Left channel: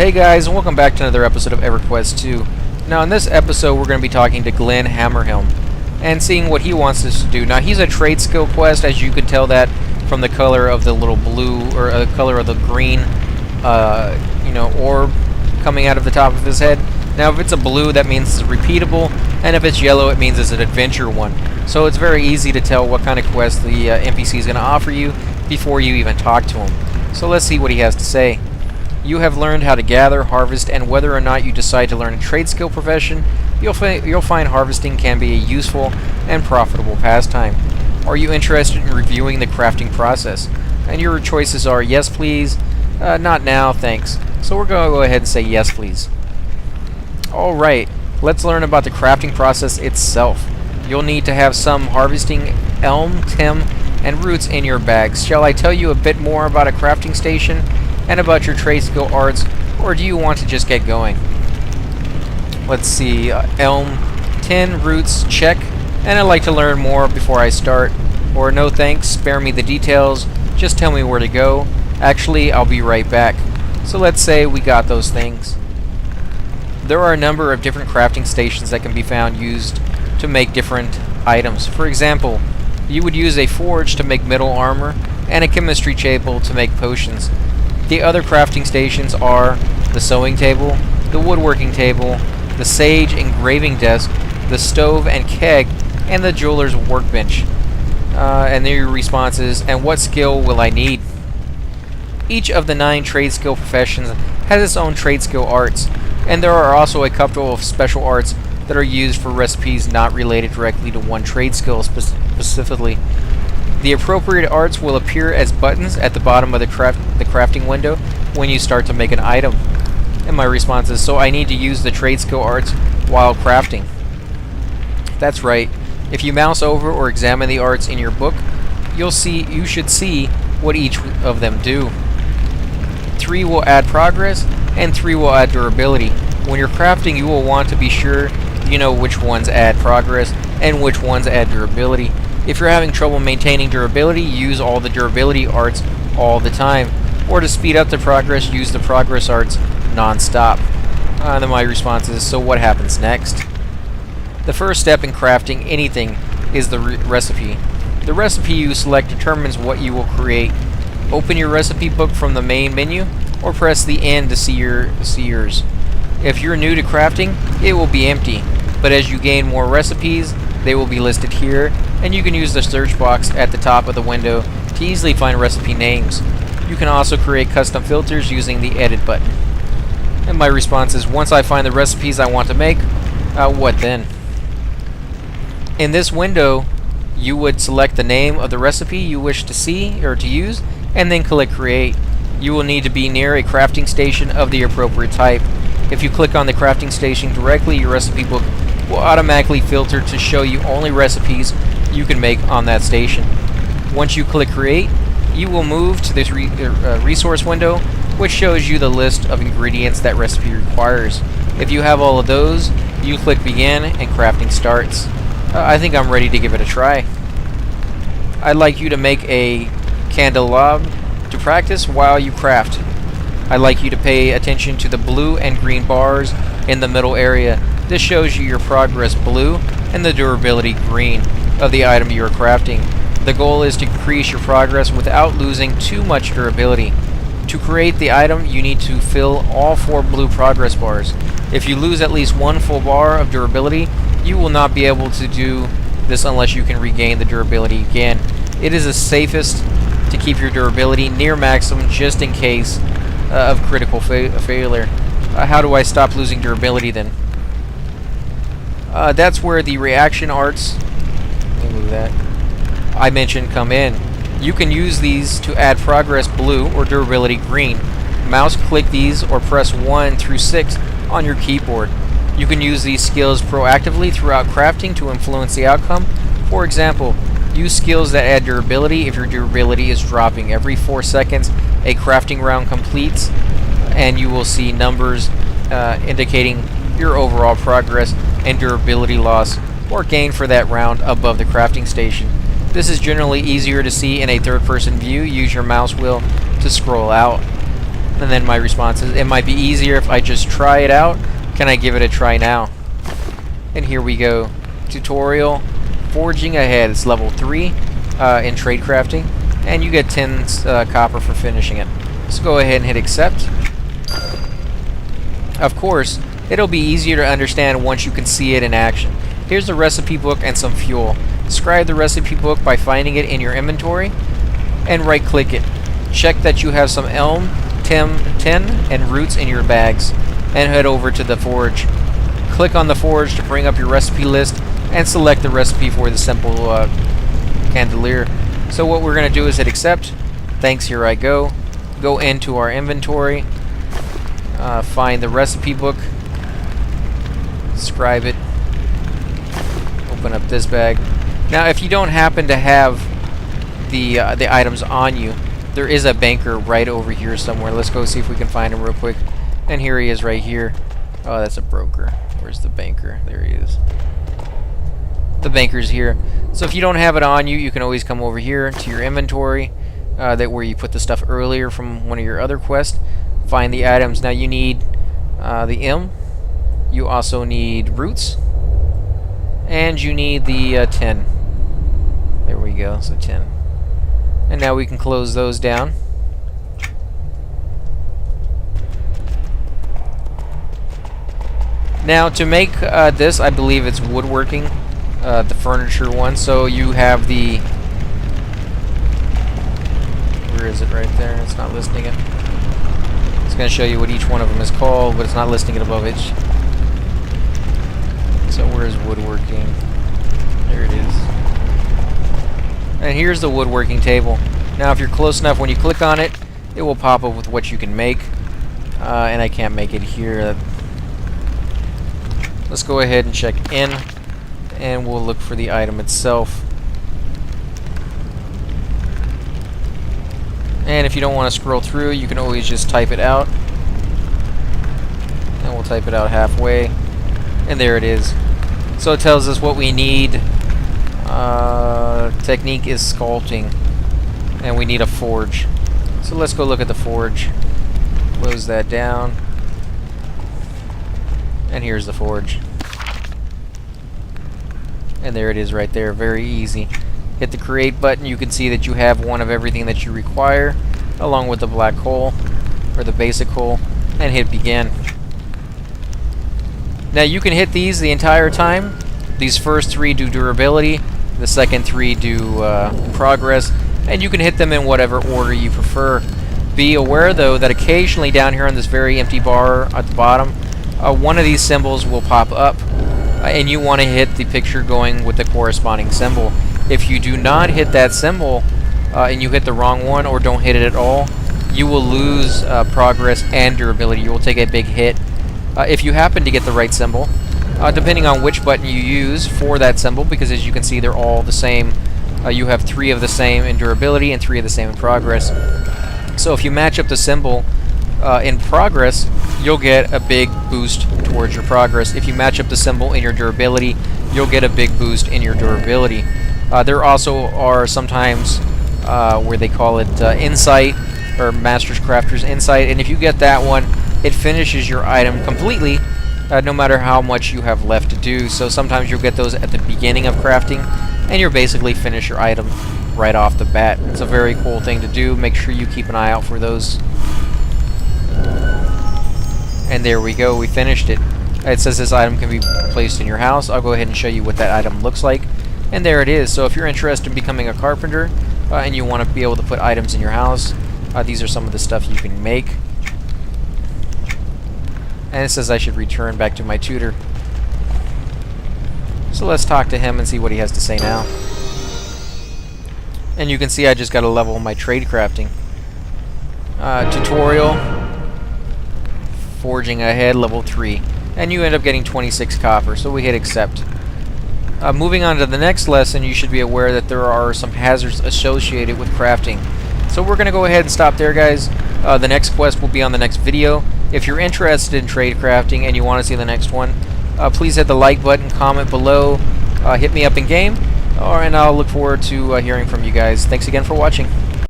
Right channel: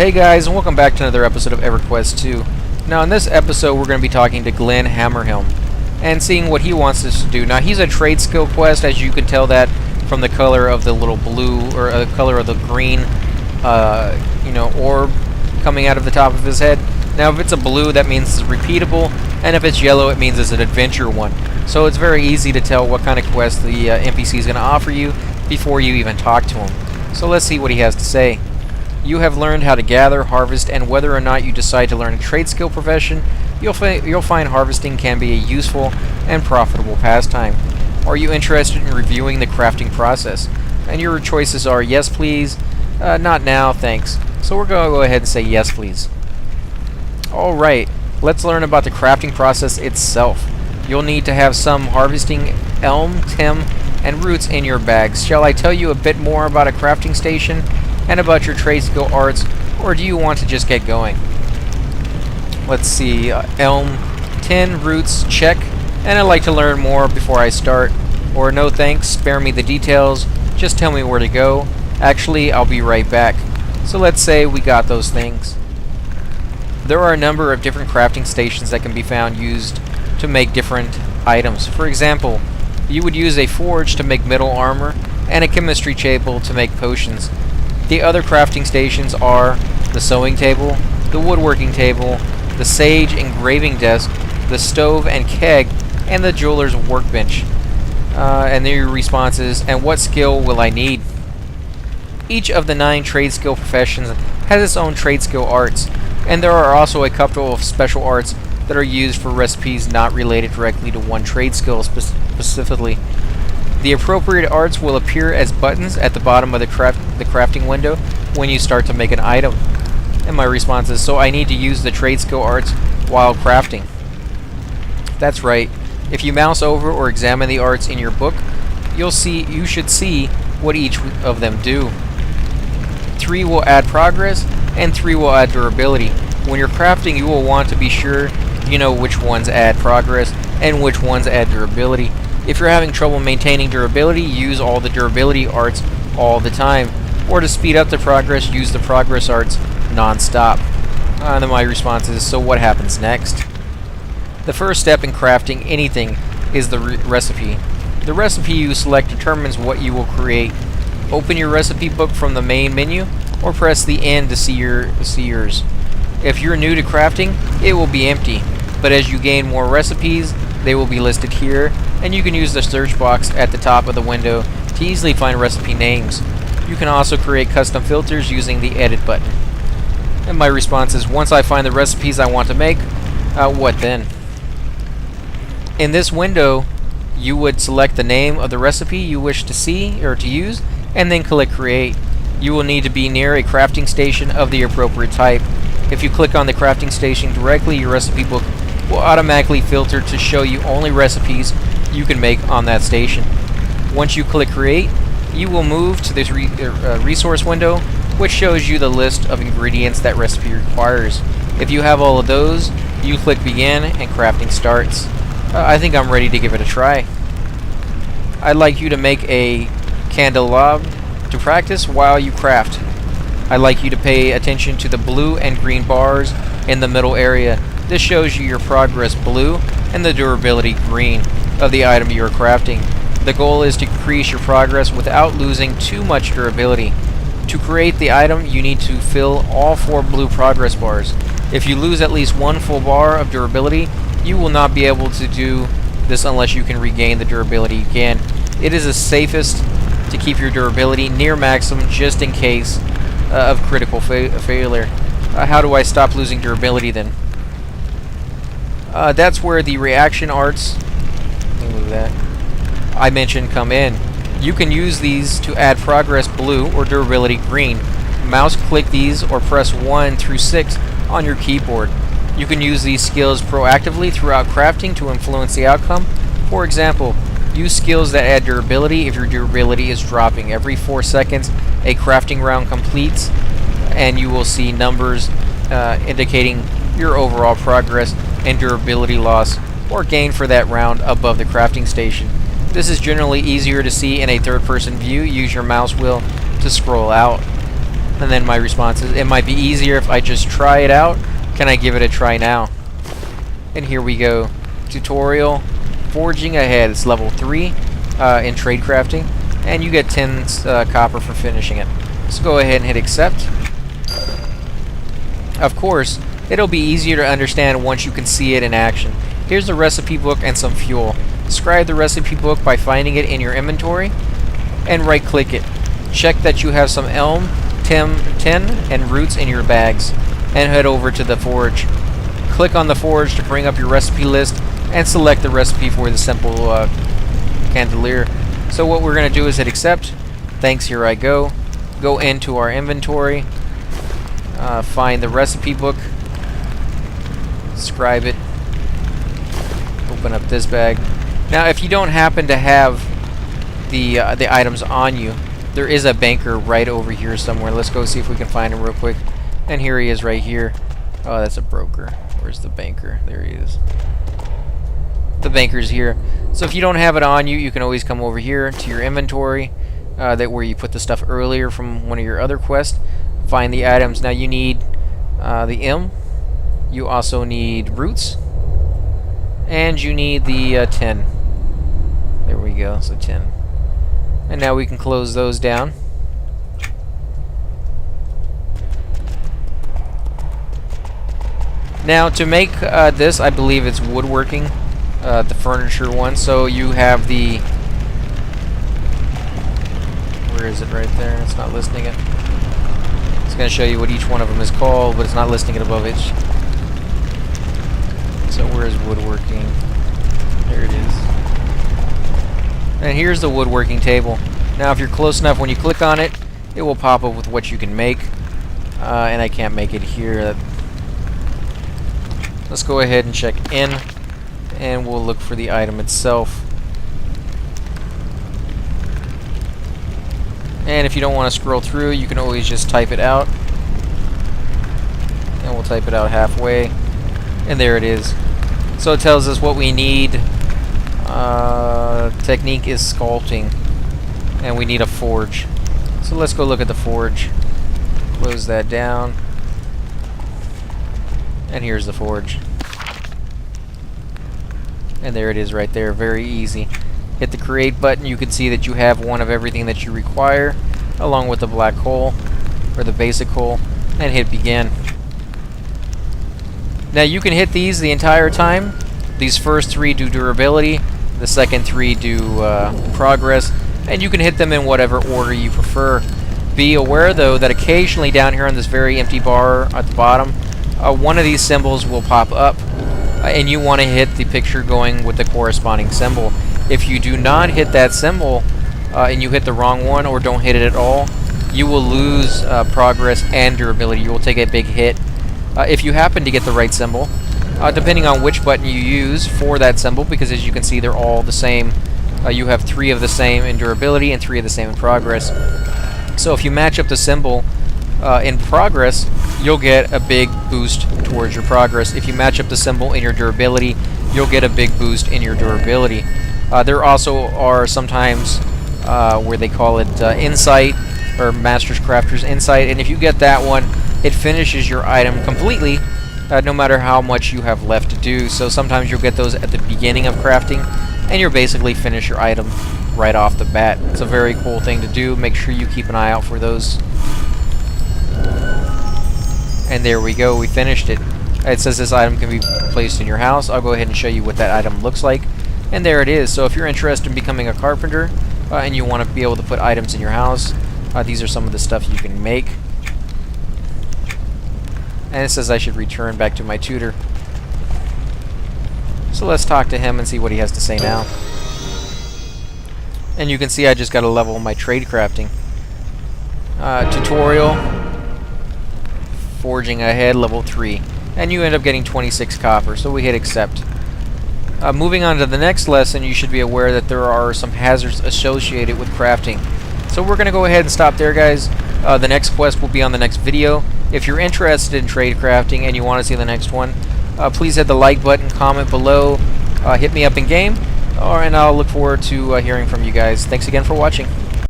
Hey guys, and welcome back to another episode of EverQuest 2. Now in this episode we're going to be talking to Glin Hammerhelm and seeing what he wants us to do. Now he's a Tradeskill quest, as you can tell that from the color of the little blue, or the color of the green, orb coming out of the top of his head. Now if it's a blue, that means it's repeatable, and if it's yellow, it means it's an adventure one. So it's very easy to tell what kind of quest the NPC is going to offer you before you even talk to him. So let's see what he has to say. You have learned how to gather, harvest, and whether or not you decide to learn a trade skill profession, you'll find harvesting can be a useful and profitable pastime. Are you interested in reviewing the crafting process? And your choices are yes please, not now, thanks. So we're going to go ahead and say yes please. Alright, let's learn about the crafting process itself. You'll need to have some harvesting elm, tim, and roots in your bags. Shall I tell you a bit more about a crafting station and about your trade skill arts, or do you want to just get going? Let's see, elm, tin, roots, check, and I'd like to learn more before I start, or no thanks, spare me the details, just tell me where to go. Actually, I'll be right back. So let's say we got those things. There are a number of different crafting stations that can be found used to make different items. For example, you would use a forge to make metal armor, and a chemistry table to make potions. The other crafting stations are the sewing table, the woodworking table, the sage engraving desk, the stove and keg, and the jeweler's workbench. And then your responses, and what skill will I need? Each of the 9 trade skill professions has its own trade skill arts, and there are also a couple of special arts that are used for recipes not related directly to one trade skill specifically. The appropriate arts will appear as buttons at the bottom of the crafting window when you start to make an item. And my response is, so I need to use the trade skill arts while crafting. That's right. If you mouse over or examine the arts in your book, you should see what each of them do. 3 will add progress, and 3 will add durability. When you're crafting, you will want to be sure you know which ones add progress and which ones add durability. If you're having trouble maintaining durability, use all the durability arts all the time. Or to speed up the progress, use the progress arts non-stop. And then my response is, so what happens next? The first step in crafting anything is the recipe. The recipe you select determines what you will create. Open your recipe book from the main menu, or press the N to see yours. If you're new to crafting, it will be empty. But as you gain more recipes, they will be listed here, and you can use the search box at the top of the window to easily find recipe names. You can also create custom filters using the edit button. And my response is, once I find the recipes I want to make, what then? In this window, you would select the name of the recipe you wish to see or to use, and then click create. You will need to be near a crafting station of the appropriate type. If you click on the crafting station directly, your recipe book will automatically filter to show you only recipes you can make on that station. Once you click create, you will move to this resource window, which shows you the list of ingredients that recipe requires. If you have all of those, you click begin and crafting starts. I think I'm ready to give it a try. I'd like you to make a candelabra to practice while you craft. I'd like you to pay attention to the blue and green bars in the middle area. This shows you your progress blue and the durability green of the item you are crafting. The goal is to increase your progress without losing too much durability. To create the item, you need to fill all 4 blue progress bars. If you lose at least 1 full bar of durability, you will not be able to do this unless you can regain the durability again. It is the safest to keep your durability near maximum just in case of critical failure. How do I stop losing durability then? That's where the reaction arts, let me move that, I mentioned come in. You can use these to add progress blue or durability green. Mouse click these or press 1 through 6 on your keyboard. You can use these skills proactively throughout crafting to influence the outcome. For example, use skills that add durability if your durability is dropping. Every 4 seconds, a crafting round completes, and you will see numbers indicating your overall progress and durability loss or gain for that round above the crafting station. This is generally easier to see in a third-person view. Use your mouse wheel to scroll out. And then my response is, it might be easier if I just try it out. Can I give it a try now? And here we go. Tutorial, forging ahead. It's level 3 in trade crafting. And you get 10 copper for finishing it. So go ahead and hit accept. Of course, it'll be easier to understand once you can see it in action. Here's the recipe book and some fuel. Describe the recipe book by finding it in your inventory and right click it. Check that you have some elm, tin, and roots in your bags and head over to the forge. Click on the forge to bring up your recipe list and select the recipe for the simple candelier. So what we're going to do is hit accept. Thanks, here I go. Go into our inventory, find the recipe book, scribe it, open up this bag. Now if you don't happen to have the items on you, there is a banker right over here somewhere. Let's go see if we can find him real quick. And here he is right here. Oh, that's a broker. Where's the banker? There he is. The banker's here. So if you don't have it on you, you can always come over here to your inventory, that where you put the stuff earlier from one of your other quests. Find the items. Now you need the M. You also need roots. And you need the tin. There we go, so 10. And now we can close those down. Now to make this, I believe it's woodworking, the furniture one. So you have the... Where is it right there? It's not listing it. It's going to show you what each one of them is called, but it's not listing it above it. So where is woodworking? There it is. And here's the woodworking table. Now if you're close enough, when you click on it, it will pop up with what you can make. And I can't make it here. Let's go ahead and check in, and we'll look for the item itself. And if you don't want to scroll through, you can always just type it out. And we'll type it out halfway. And there it is. So it tells us what we need. Technique is sculpting. And we need a forge. So let's go look at the forge. Close that down. And here's the forge. And there it is right there. Very easy. Hit the create button. You can see that you have one of everything that you require, along with the black hole, or the basic hole, and hit begin. Now you can hit these the entire time. These first 3 do durability, the second 3 do progress, and you can hit them in whatever order you prefer. Be aware though that occasionally down here on this very empty bar at the bottom, one of these symbols will pop up, and you want to hit the picture going with the corresponding symbol. If you do not hit that symbol, and you hit the wrong one or don't hit it at all, you will lose progress and durability. You will take a big hit. If you happen to get the right symbol, depending on which button you use for that symbol, because as you can see they're all the same, you have 3 of the same in durability and 3 of the same in progress. So if you match up the symbol in progress, you'll get a big boost towards your progress. If you match up the symbol in your durability, you'll get a big boost in your durability. There also are sometimes where they call it Insight, or Master's Crafter's Insight, and if you get that one, it finishes your item completely, no matter how much you have left to do. So sometimes you'll get those at the beginning of crafting, and you'll basically finish your item right off the bat. It's a very cool thing to do. Make sure you keep an eye out for those. And there we go, we finished it. It says this item can be placed in your house. I'll go ahead and show you what that item looks like. And there it is. So if you're interested in becoming a carpenter and you want to be able to put items in your house, these are some of the stuff you can make. And it says I should return back to my tutor. So let's talk to him and see what he has to say now. And you can see I just got a level in my trade crafting. Tutorial. Forging ahead, level 3. And you end up getting 26 copper, so we hit accept. Moving on to the next lesson, you should be aware that there are some hazards associated with crafting. So we're going to go ahead and stop there, guys. The next quest will be on the next video. If you're interested in trade crafting and you want to see the next one, please hit the like button, comment below, hit me up in game, and I'll look forward to hearing from you guys. Thanks again for watching.